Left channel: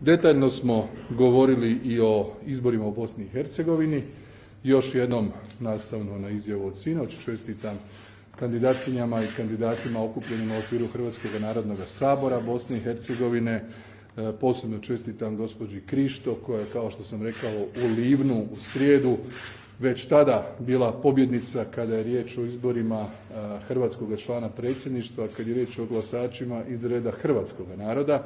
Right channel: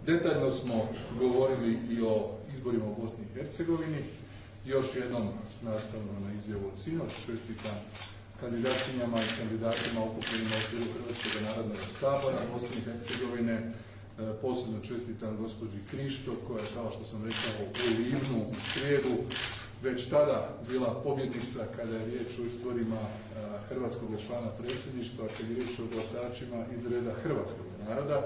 Detaljno smo govorili i o izborima u Bosni i Hercegovini. Još jednom nastavno na izjavu od sinoć čestitam kandidatkinjama i kandidatima okupljenim u okviru Hrvatskog narodnog sabora Bosne i Hercegovine. Posebno čestitam gospođi Krišto koja je, kao što sam rekao, u Livnu u srijedu već tada bila pobjednica kada je riječ o izborima hrvatskog člana predsjedništva, kad je riječ o glasačima iz reda hrvatskog naroda.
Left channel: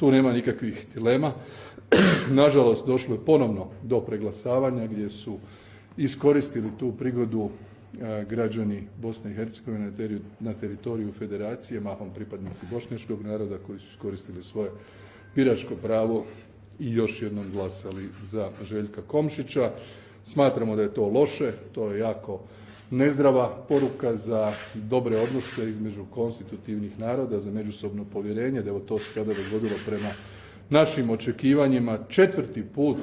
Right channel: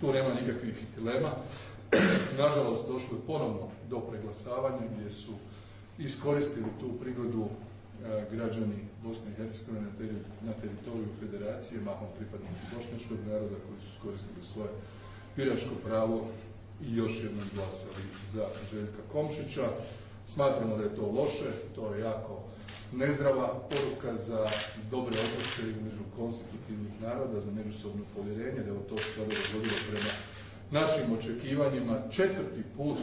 Tu nema nikakvih dilema. Nažalost, došlo je ponovno do preglasavanja gdje su iskoristili tu prigodu građani Bosne i Hercegovine na teritoriju federacije, mahom pripadnici bošnjačkog naroda koji su iskoristili svoje biračko pravo i još jednom glasali za Željka Komšića. Smatramo da je to loše, to je jako nezdrava poruka za dobre odnose između konstitutivnih naroda, za međusobno povjerenje, da je to se sada dogodilo prema našim očekivanjima četvrti put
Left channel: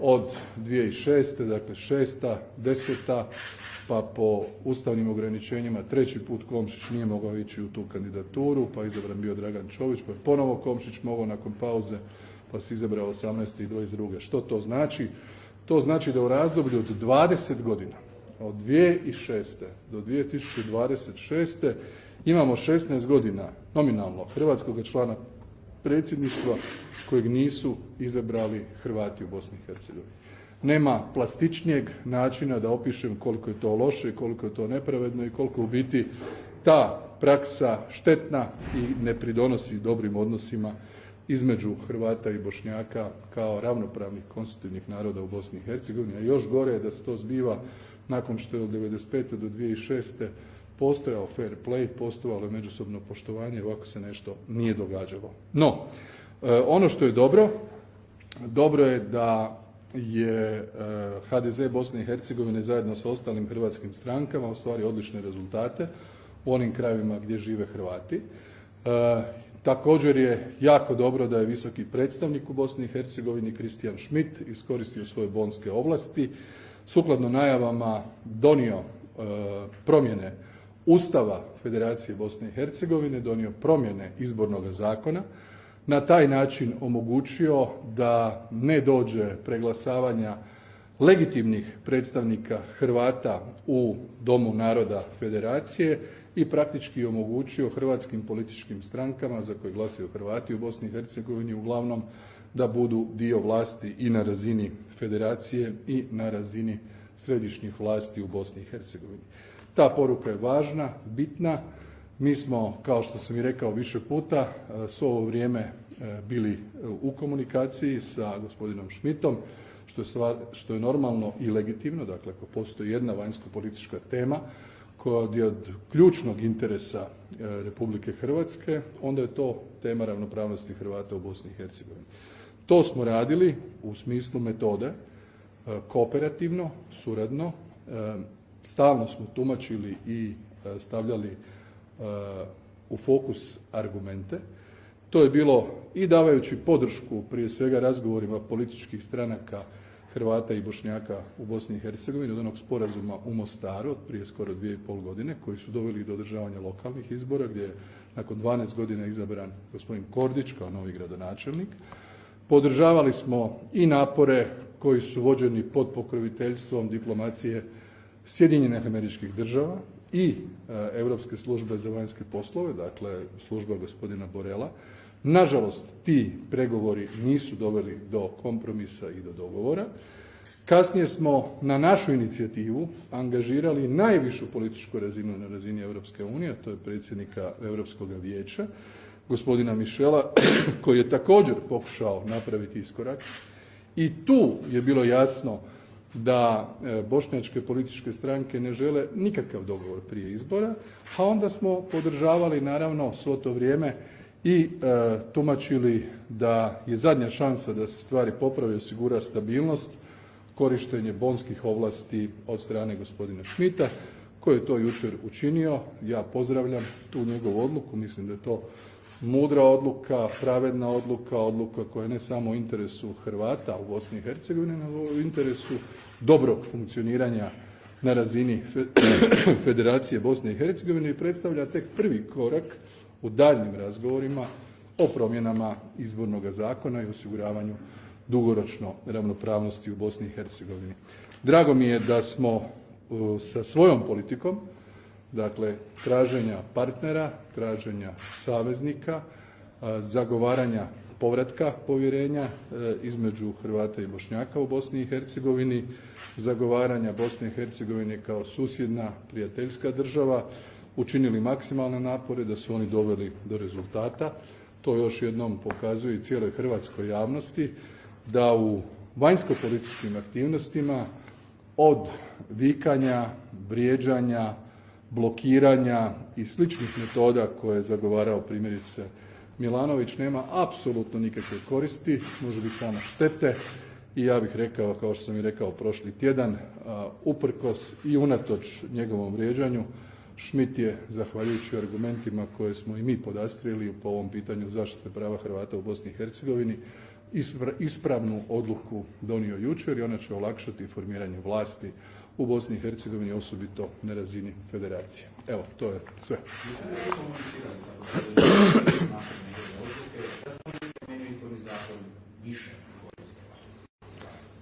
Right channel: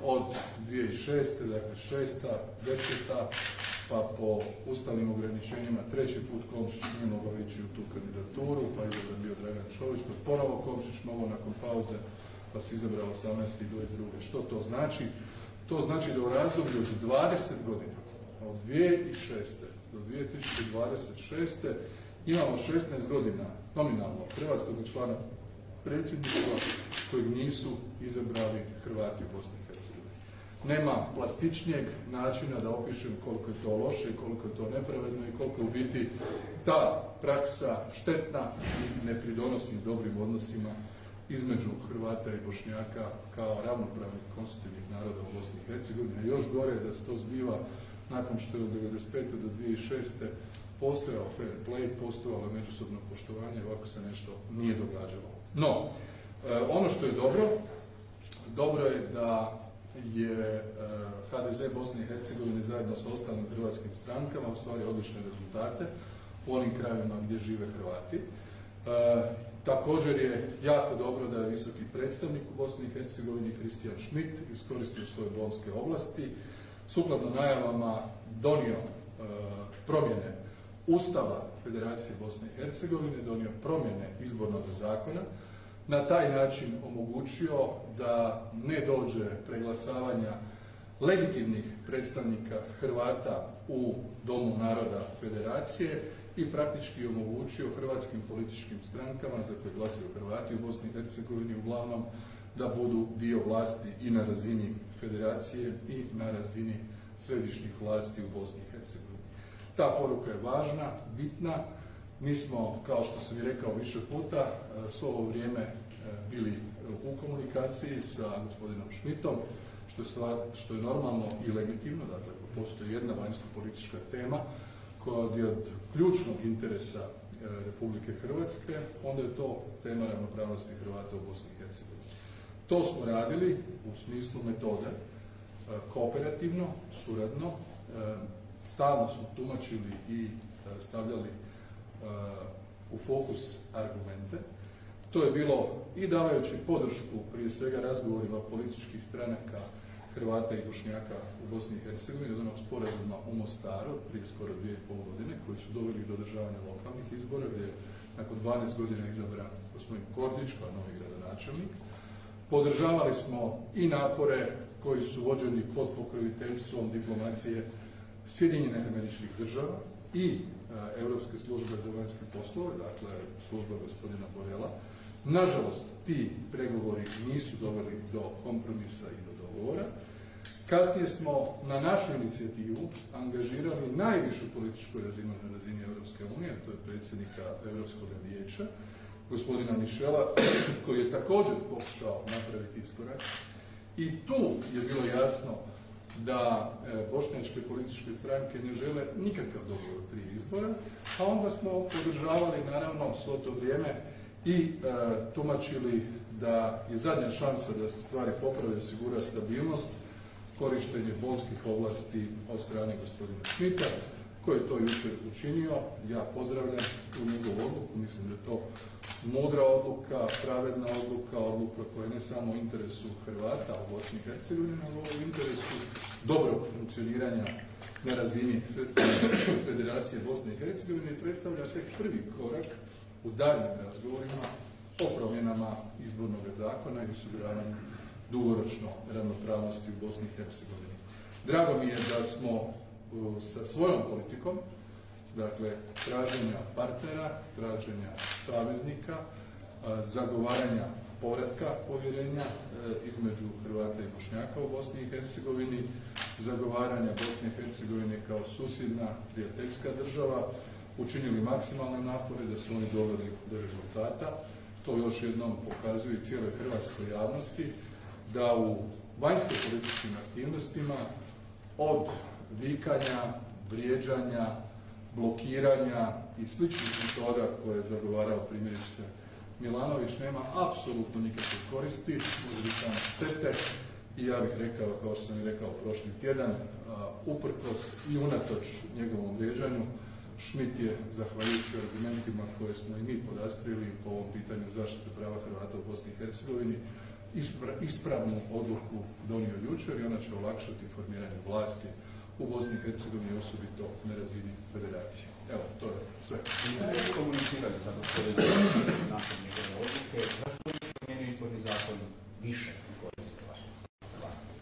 od 2006. Dakle 6., 10. pa po ustavnim ograničenjima treći put Komšić nije mogao ići u tu kandidaturu, pa je izabran bio Dragan Čović, pa ponovo Komšić mogao nakon pauze, pa se izabrao 18. i 22. Što to znači? To znači da u razdoblju od 20 godina, od 2006. do 2026. imamo 16 godina nominalno hrvatskog člana predsjedništva kojeg nisu izabrali Hrvati u Bosni i Hercegovini. Nema plastičnijeg načina da opišem koliko je to loše, koliko je to nepravedno i koliko u biti ta praksa štetna i ne pridonosi dobrim odnosima između Hrvata i Bošnjaka kao ravnopravnih konstitutivnih naroda u Bosni i Hercegovini. A još gore je da se to zbiva nakon što je od 1995. do 2006. postojao fair play, postojalo je međusobno poštovanje, ovako se nešto nije događalo. No, ono što je dobro, dobro je da je HDZ Bosne i Hercegovine zajedno sa ostalim hrvatskim strankama ostvario odlične rezultate u onim krajevima gdje žive Hrvati. Također je jako dobro da je visoki predstavnik u Bosni i Hercegovini Christian Schmidt iskoristio svoje bonske ovlasti, sukladno najavama donio promjene Ustava Federacije Bosne i Hercegovine, donio promjene izbornog zakona, na taj način omogućio da ne dođe preglasavanja legitimnih predstavnika Hrvata u Domu naroda Federacije i praktički omogućio hrvatskim političkim strankama za koje glasaju Hrvati u Bosni i Hercegovini uglavnom da budu dio vlasti i na razini Federacije i na razini središnjih vlasti u Bosni i Hercegovini. Ta poruka je važna, bitna. Mi smo, kao što sam i rekao više puta, svo ovo vrijeme bili u komunikaciji sa gospodinom Schmidtom, što je normalno i legitimno. Dakle, ako postoji jedna vanjsko-politička tema koja je od ključnog interesa Republike Hrvatske, onda je to tema ravnopravnosti Hrvata u Bosni i Hercegovini. To smo radili u smislu metode, kooperativno, suradno, stalno smo tumačili i stavljali u fokus argumente. To je bilo i davajući podršku prije svega razgovorima političkih stranaka Hrvata i Bošnjaka u Bosni i Hercegovini od onog sporazuma u Mostaru od prije skoro 2,5 godine koji su doveli do održavanja lokalnih izbora gdje je nakon 12 godina izabran gospodin Kordić kao novi gradonačelnik. Podržavali smo i napore koji su vođeni pod pokroviteljstvom diplomacije Sjedinjenih Američkih Država i Europske službe za vanjske poslove, dakle služba gospodina Borela. Nažalost, ti pregovori nisu doveli do kompromisa i do dogovora. Kasnije smo na našu inicijativu angažirali najvišu političku razinu na razini Europske unije, to je predsjednika Europskog vijeća, gospodina Michela, koji je također pokušao napraviti iskorak. I tu je bilo jasno da bošnjačke političke stranke ne žele nikakav dogovor prije izbora, a onda smo podržavali naravno svo to vrijeme i tumačili da je zadnja šansa da se stvari poprave, osigura stabilnost, korištenje bonskih ovlasti od strane gospodina Schmidta, koji je to jučer učinio. Ja pozdravljam tu njegovu odluku, mislim da je to mudra odluka, pravedna odluka, odluka koja je ne samo u interesu Hrvata u Bosni i Hercegovini, nego u interesu dobrog funkcioniranja na razini Federacije Bosne i Hercegovine i predstavlja tek prvi korak u daljnjim razgovorima o promjenama izbornog zakona i osiguravanju dugoročno ravnopravnosti u Bosni i Hercegovini. Drago mi je da smo sa svojom politikom, dakle traženja partnera, traženja saveznika, zagovaranja povratka povjerenja između Hrvata i Bošnjaka u Bosni i Hercegovini, zagovaranja Bosne i Hercegovine kao susjedna prijateljska država, učinili maksimalne napore da su oni doveli do rezultata. To još jednom pokazuje i cijeloj hrvatskoj javnosti da u vanjsko-političkim aktivnostima od vikanja, vrijeđanja, blokiranja i sličnih metoda koje je zagovarao primjerice Milanović nema apsolutno nikakve koristi, može biti samo štete i ja bih rekao, kao što sam i rekao prošli tjedan, uprkos i unatoč njegovom vrijeđanju, Schmidt je, zahvaljujući argumentima koje smo i mi podastrili po ovom pitanju zaštite prava Hrvata u Bosni i Hercegovini, ispravnu odluku donio jučer i ona će olakšati formiranje vlasti u Bosni i Hercegovini, osobito na razini federacije. Evo, to je sve.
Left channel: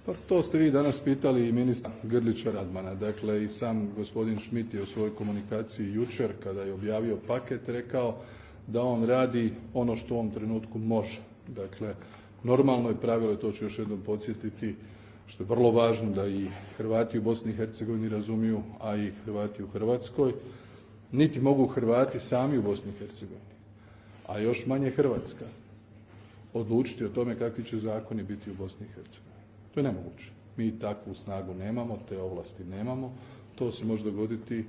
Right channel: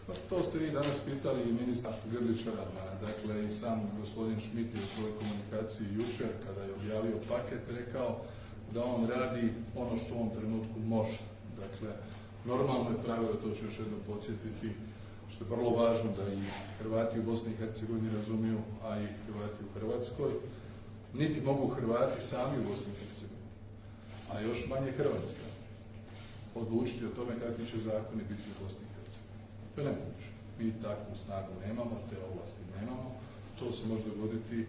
Pa to ste vi danas pitali i ministra Grlića Radmana. Dakle, i sam gospodin Schmidt je u svojoj komunikaciji jučer, kada je objavio paket, rekao da on radi ono što u ovom trenutku može. Dakle, normalno je pravilo, to ću još jednom podsjetiti, što je vrlo važno da i Hrvati u Bosni i Hercegovini razumiju, a i Hrvati u Hrvatskoj, niti mogu Hrvati sami u Bosni i Hercegovini, a još manje Hrvatska, odlučiti o tome kakvi će zakoni biti u Bosni i Hercegovini. To je nemoguće. Mi takvu snagu nemamo, te ovlasti nemamo. To se može dogoditi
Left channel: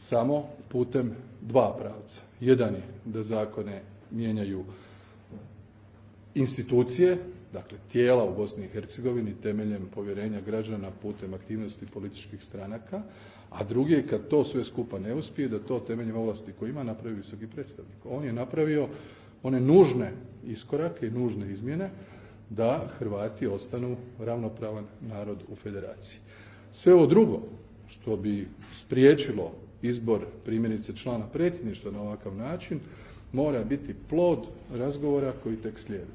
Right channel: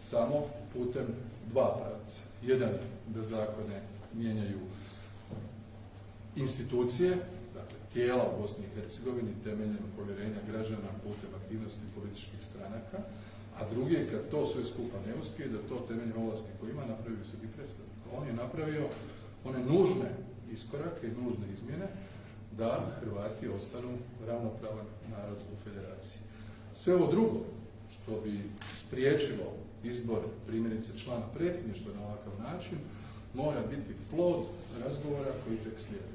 samo putem dva pravca. Jedan je da zakone mijenjaju institucije, dakle tijela u Bosni i Hercegovini temeljem povjerenja građana putem aktivnosti političkih stranaka, a drugi je kad to sve skupa ne uspije, da to temeljem ovlasti koje ima napravi visoki predstavnik. On je napravio one nužne iskorake i nužne izmjene da Hrvati ostanu ravnopravan narod u federaciji. Sve ovo drugo što bi spriječilo izbor primjerice člana predsjedništva na ovakav način mora biti plod razgovora koji tek slijedi.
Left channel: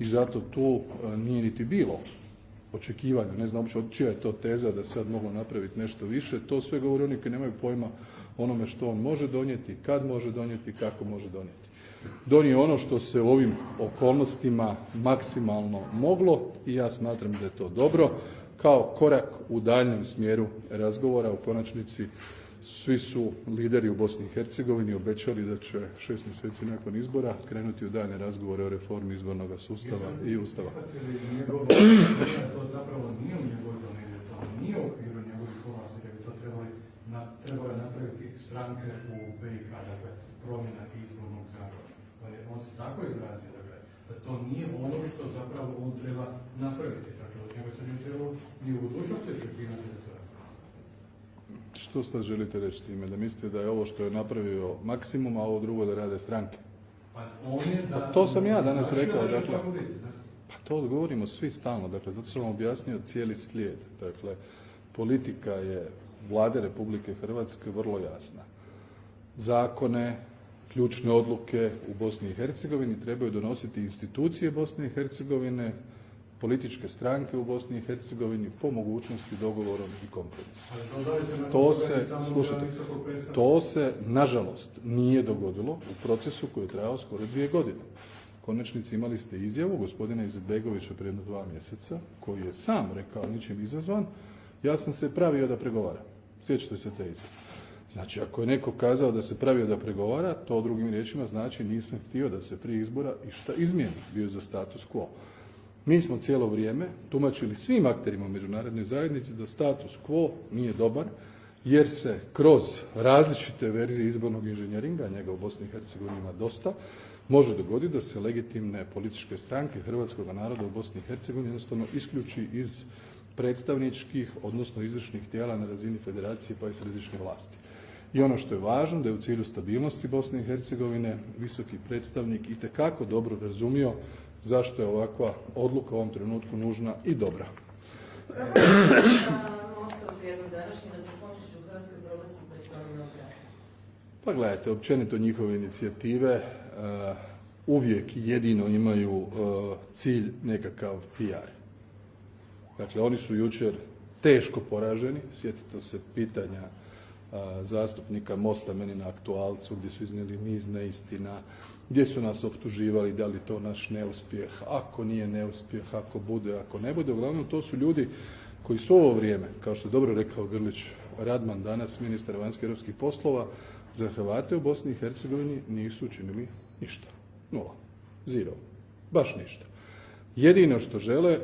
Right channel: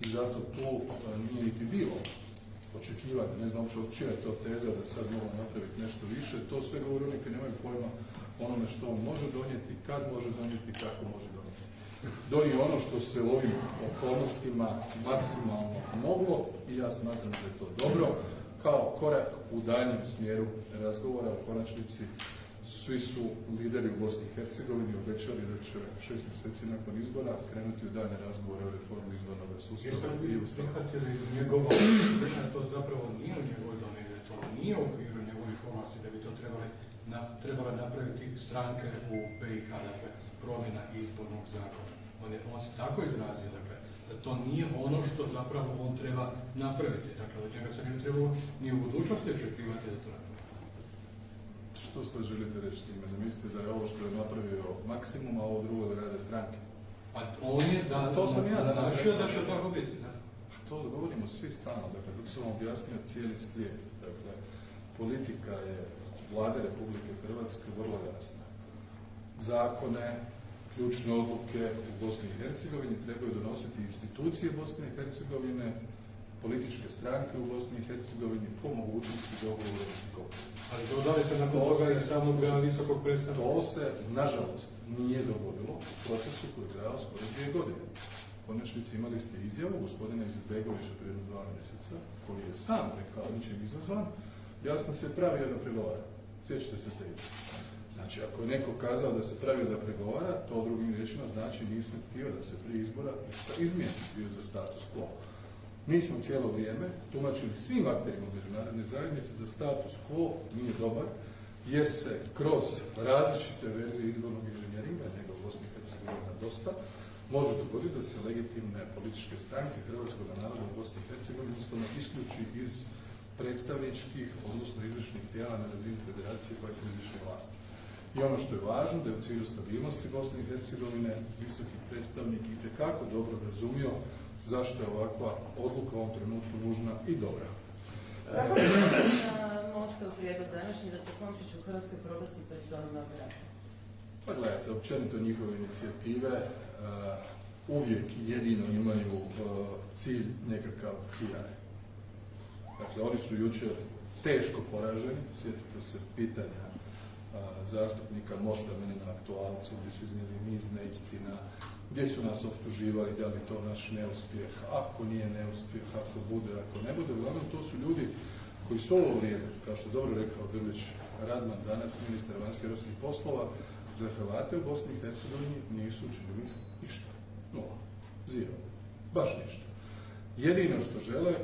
I zato tu nije niti bilo očekivanja, ne znam uopće čija je to teza da sad moglo napraviti nešto više, to sve govori oni koji nemaju pojma onome što on može donijeti, kad može donijeti, kako može donijeti. Donio ono što se u ovim okolnostima maksimalno moglo i ja smatram da je to dobro, kao korak u daljnjem smjeru razgovora. U konačnici svi su lideri u Bosni i Hercegovini obećali da će 6 mjeseci nakon izbora krenuti u daljnje razgovore o reformi izbornog sustava i ustava. To zapravo nije u njegovoj domeni, to nije u okviru njegovih ovlasti, da bi to trebale napraviti stranke u BiH, dakle promjena izbornog zakona. On se tako izrazio, da to nije ono što zapravo on treba napraviti. Dakle, od njega se ne trebalo ni u budućnosti očekivati da to radi. Što sad želite reći time? Da mislite da je ovo što je napravio maksimum, a ovo drugo da rade stranke? Pa on je da... To sam ja danas rekao. Da će tako biti, da? Pa to govorimo svi stalno. Dakle, zato sam vam objasnio cijeli slijed. Dakle, politika je Vlade Republike Hrvatske vrlo jasna. Zakone, ključne odluke u Bosni i Hercegovini trebaju donositi institucije Bosne i Hercegovine, političke stranke u Bosni i Hercegovini, po mogućnosti dogovorom i kompromisom. Ali dodali se na to se, nažalost, nije dogodilo u procesu koji je trajao skoro 2 godine. U konačnici imali ste izjavu gospodina Izetbegovića prije 2 mjeseca, koji je sam rekao ničim izazvan, ja sam se pravio da pregovaram. Sjećate se te izjave. Znači, ako je neko kazao da se pravio da pregovara, to drugim riječima znači nisam htio da se prije izbora išta izmijeni, bio za status quo. Mi smo cijelo vrijeme tumačili svim akterima u međunarodnoj zajednici da status quo nije dobar, jer se kroz različite verzije izbornog inženjeringa, njega u Bosni i Hercegovini ima dosta, može dogoditi da se legitimne političke stranke hrvatskog naroda u Bosni i Hercegovini jednostavno isključi iz predstavničkih, odnosno izvršnih tijela na razini federacije pa i središnje vlasti. I ono što je važno, da je u cilju stabilnosti Bosne i Hercegovine visoki predstavnik itekako dobro razumio zašto je ovakva odluka u ovom trenutku nužna i dobra. Kako je Mostov prijedlog današnji da se Komšić u Hrvatskoj proglasi predstavnom operatom? Pa gledajte, općenito njihove inicijative uvijek i jedino imaju cilj nekakav PR. Dakle, oni su jučer teško poraženi, sjetite se pitanja zastupnika Mosta meni na aktualcu gdje su iznijeli niz neistina, gdje su nas optuživali da li to naš neuspjeh, ako nije neuspjeh, ako bude, ako ne bude. Uglavnom to su ljudi koji su ovo vrijeme, kao što je dobro rekao Grlić Radman danas, ministar vanjskih europskih poslova, za Hrvate u Bosni i Hercegovini nisu učinili ništa. Nula. Zero. Baš ništa. Jedino što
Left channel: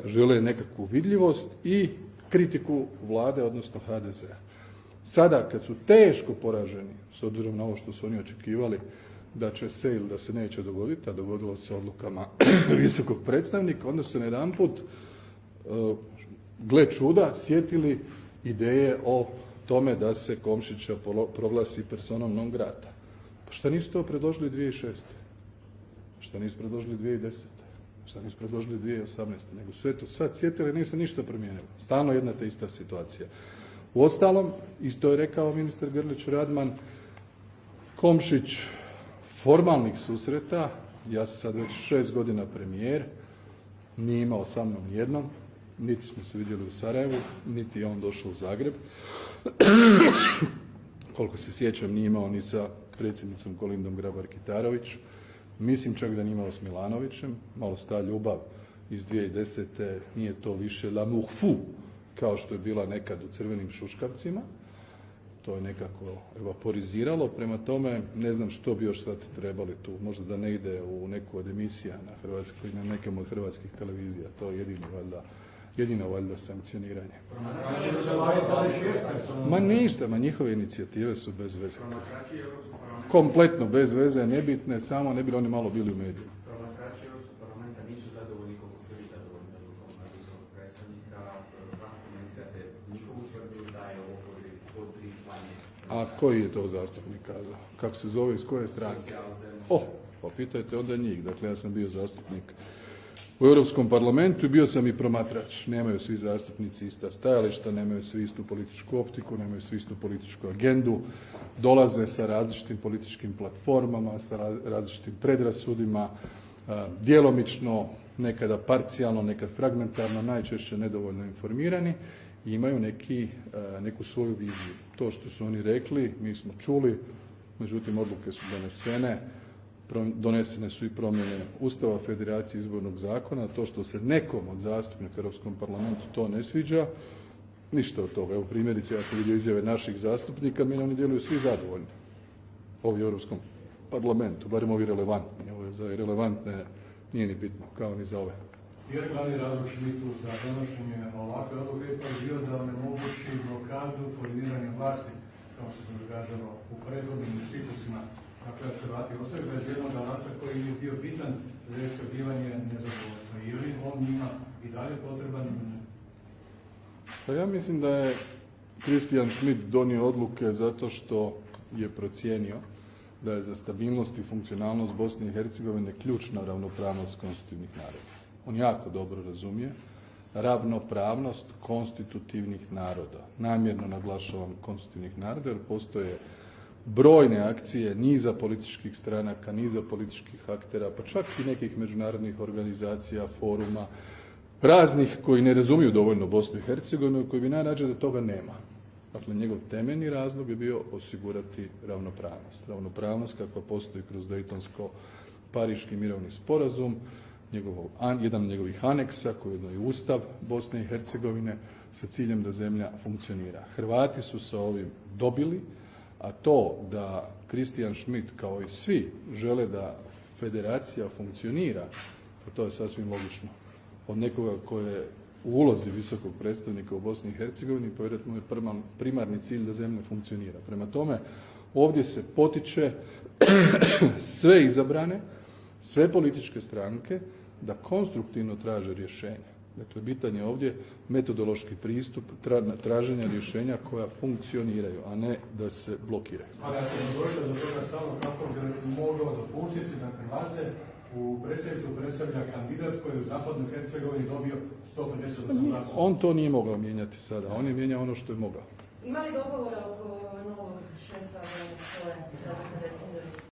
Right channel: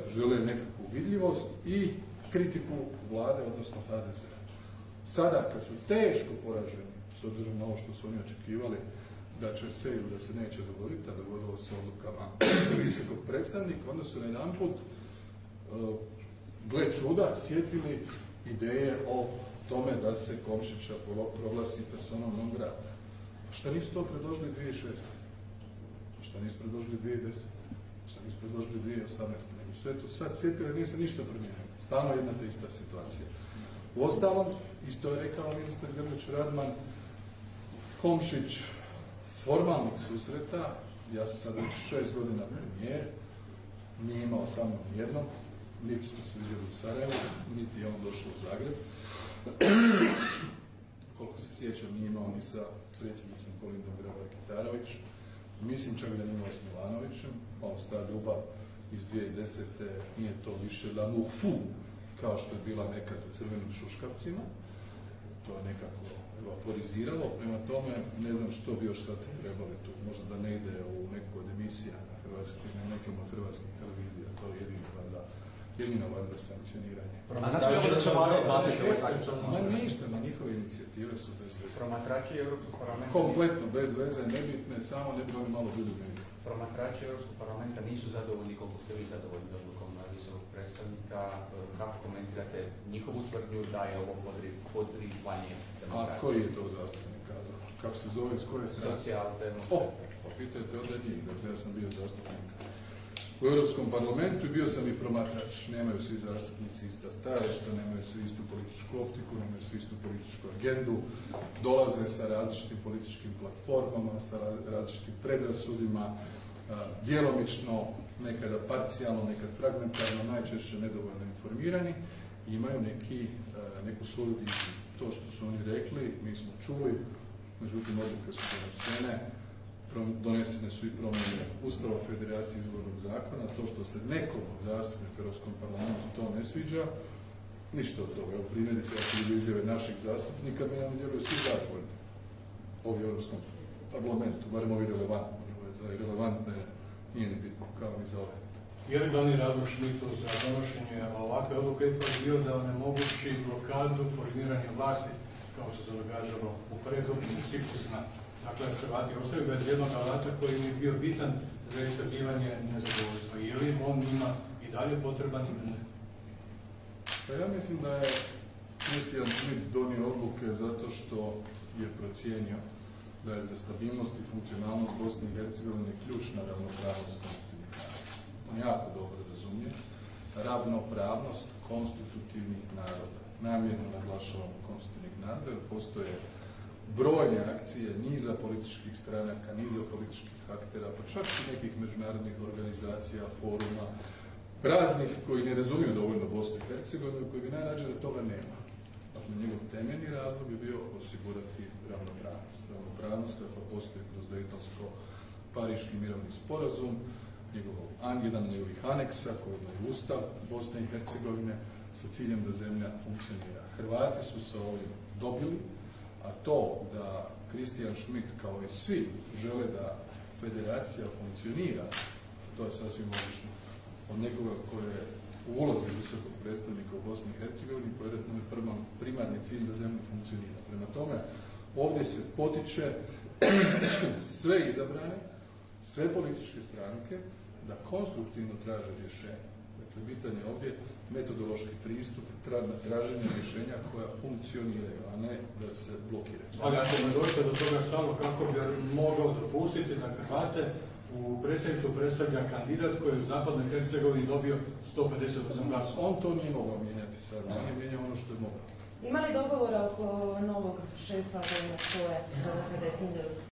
žele nekakvu vidljivost i kritiku vlade, odnosno HDZ-a. Sada, kad su teško poraženi, s obzirom na ovo što su oni očekivali, da će se ili da se neće dogoditi, a dogodilo se odlukama visokog predstavnika, onda su najedanput, gle čuda, sjetili ideje o tome da se Komšića proglasi personom non grata. Pa šta nisu to predložili 2006. Šta nisu predložili 2010. Šta nisu predložili 2018. Nego su eto sad sjetili, nije se ništa promijenilo. Stalno jedna te ista situacija. Uostalom, isto je rekao ministar Grlić Radman, Komšić formalnih susreta, ja sam sad već 6 godina premijer, nije imao sa mnom jednom, niti smo se vidjeli u Sarajevu, niti je on došao u Zagreb. Koliko se sjećam, nije imao ni sa predsjednicom Kolindom Grabar-Kitarović. Mislim čak da nije imao s Milanovićem, malo sta ljubav iz 2010. Nije to više l'amour fou, kao što je bila nekad u crvenim šuškavcima. To je nekako evaporiziralo, prema tome ne znam što bi još sad trebali tu, možda da ne ide u neku od emisija na Hrvatskoj, na nekom od hrvatskih televizija, to je jedino valjda sankcioniranje. Ma ništa, njihove inicijative su bez veze. Kompletno bez veze, nebitne, samo ne bi oni malo bili u mediju. Promatrači Europskog parlamenta nisu zadovoljni koliko ste vi zadovoljni odlukom visokog predstavnika. Kako komentirate njihovu tvrdnju da je ovo podrivanje? A koji je to zastupnik kazao? Kako se zove, iz koje strane? Pa pitajte onda njih. Dakle, ja sam bio zastupnik u Europskom parlamentu i bio sam i promatrač. Nemaju svi zastupnici ista stajališta, nemaju svi istu političku optiku, nemaju svi istu političku agendu, dolaze sa različitim političkim platformama, sa različitim predrasudima, djelomično, nekada parcijalno, nekad fragmentarno, najčešće nedovoljno informirani i imaju neku svoju viziju. To što su oni rekli, mi smo čuli, međutim odluke su donesene su i promjene Ustava Federacije izbornog zakona. To što se nekom od zastupnika u Europskom parlamentu to ne sviđa, ništa od toga. Evo primjerice, ja sam vidio izjave naših zastupnika, mi nam djeluju svi zadovoljni. Ovi u Europskom parlamentu, barem ovi relevantni. Ovo je za irelevantne nije ni bitno, kao ni za ove. Je li glavni razlog Šmitu za donošenje ovakve odluke ipak bio da onemogući blokadu formiranja vlasti, kao što se događalo u prethodnim ciklusima? Dakle, Hrvati ostaju bez jednog alata koji je bio bitan za iskazivanje nezadovoljstva. Je li on ima i dalje potreban ili ne? Pa ja mislim da je Christian Schmidt donio odluke zato što je procijenio da je za stabilnost i funkcionalnost Bosne i Hercegovine ključna ravnopravnost konstitutivnih naroda. On jako dobro razumije ravnopravnost konstitutivnih naroda. Namjerno naglašavam konstitutivnih naroda jer postoje brojne akcije niza političkih stranaka, niza političkih aktera, pa čak i nekih međunarodnih organizacija, foruma, raznih koji ne razumiju dovoljno Bosnu i Hercegovinu, koji bi najrađe da toga nema. Dakle, njegov temeljni razlog je bio osigurati ravnopravnost. Ravnopravnost kakva postoji kroz Dejtonsko-Pariški mirovni sporazum, jedan od njegovih aneksa koji je i Ustav Bosne i Hercegovine sa ciljem da zemlja funkcionira. Hrvati su sa ovim dobili, a to da Christian Schmidt kao i svi žele da federacija funkcionira, to je sasvim logično. Od nekoga koji je u ulozi visokog predstavnika u Bosni i Hercegovini, povjerojatno je primarni cilj da zemlja funkcionira. Prema tome, ovdje se potiče sve izabrane, sve političke stranke da konstruktivno traže rješenje. Dakle, bitan je ovdje metodološki pristup traženja rješenja koja funkcioniraju, a ne da se blokiraju. Ali ako nam dođe do toga stava, kako bi mogao dopustiti da Hrvate u predsjedništvu predstavlja kandidat koji je u Zapadnoj Hercegovini dobio 158 glasova? On to nije mogao mijenjati sada, on je mijenjao ono što je mogao. Ima li dogovora oko novog šefa vojnog stoje, sada kada je